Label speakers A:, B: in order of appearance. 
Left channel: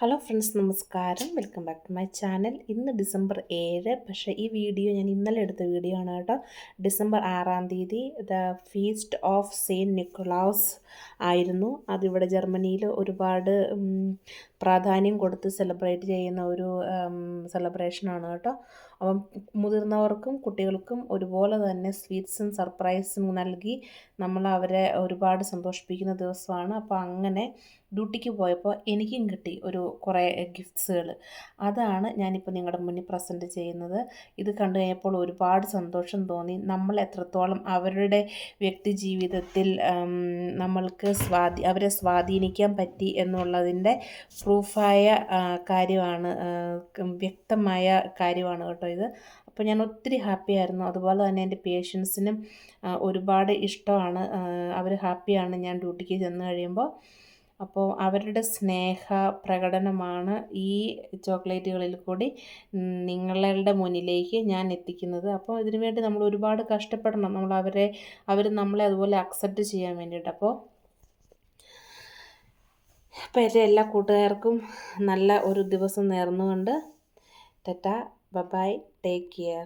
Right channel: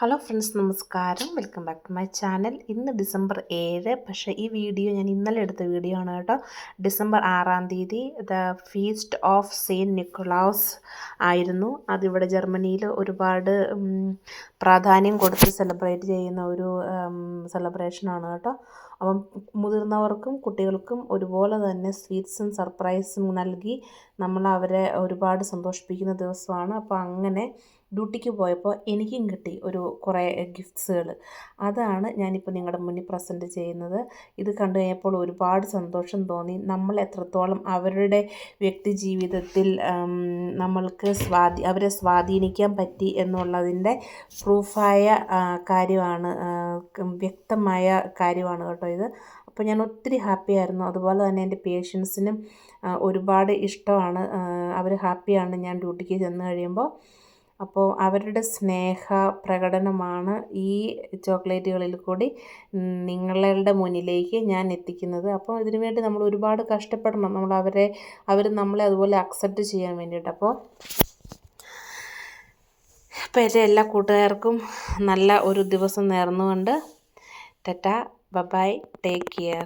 A: Hello friends നമസ്കാരം. Welcome back to my channel ഇന്ന് December ഏഴ്. പക്ഷേ ഈ വീഡിയോ ഞാൻ ഇന്നലെ എടുത്ത വീഡിയോ ആണ് കേട്ടോ. ഡിസംബർ ആറാം തീയതി the feast of Saint Nicholas ആയിരുന്നു. അതിവിടെ ജർമ്മനിയിൽ ഒരുപാട് പ്രാധാന്യം കൊടുത്ത് സെലിബ്രേറ്റ് ചെയ്യുന്ന ഒരു സെലിബ്രേഷനാണ് കേട്ടോ. അപ്പം മുതിർന്നവർക്കും കുട്ടികൾക്കും ഒരുപോലെ തന്നെ സ്വീറ്റ്സും സർപ്രൈസും നൽകി നമ്മൾ അവരെ ഒരുപാട് സന്തോഷിപ്പിക്കുന്ന ദിവസമാണ്. അപ്പോൾ അങ്ങനെ ഡ്യൂട്ടിക്ക് പോയപ്പോൾ എനിക്കും കിട്ടി ഒരു കുറേ ഗിഫ്റ്റ്സുകൾ. അതാണ് ഞാനിപ്പോൾ നിങ്ങളുടെ മുന്നിൽ പ്രസന്റ് ചെയ്യുന്നത്. ഇത് കണ്ടു കഴിഞ്ഞപ്പോൾ ഒരുപാട് സന്തോഷം തോന്നി. നമ്മൾ എത്രത്തോളം അവരുടെ വ്യക്തി ജീവിതത്തിൽ നമ്മൾക്ക് സ്വാധീ അവരെ സ്വാധീനിക്കാൻ പറ്റി എന്നുള്ളതിന്റെ പ്രൂഫായ കാര്യമാണ് വ്യക്തമായ കാര്യമാണ് കേട്ടോ ഇത്. അപ്പോൾ ഞാൻ ഒത്തിരി ഹാപ്പി ആയിരുന്നു. അതുപോലെ തന്നെ എന്റെ പേഷ്യൻസിനും ഒരുപാട് ഇഷ്ടമാണ്. അവർ ഹാപ്പിയാണ് ഞാൻ ഡ്യൂട്ടിക്ക് ചെന്ന് കഴിയുമ്പോൾ. അപ്പോൾ അവരുടെ സ്നേഹ പ്രകടനമാണ് ഈ ചോക്ലേറ്റുകളിൽ കൂടി നിങ്ങളുടെ മുന്നിലേക്ക് ഞാൻ എത്തിക്കുന്നത്. അപ്പോൾ ഇതിനു വേണ്ടി നമ്മൾ ഒരുപാട് കഷ്ടപ്പെടണം. നമ്മൾ അവരെ അവർ നമ്മളെ അതുപോലെ അക്സെപ്റ്റ് ചെയ്യാൻ വേണ്ടിയിട്ട്. അപ്പോൾ അപ്പോൾ എന്റെ എല്ലാ കൂട്ടുകാർക്കും നല്ല ഒരു ദിവസം നേർന്നുകൊണ്ട്. ടെറ്റ ബബായ് ടേക്ക് കെയർ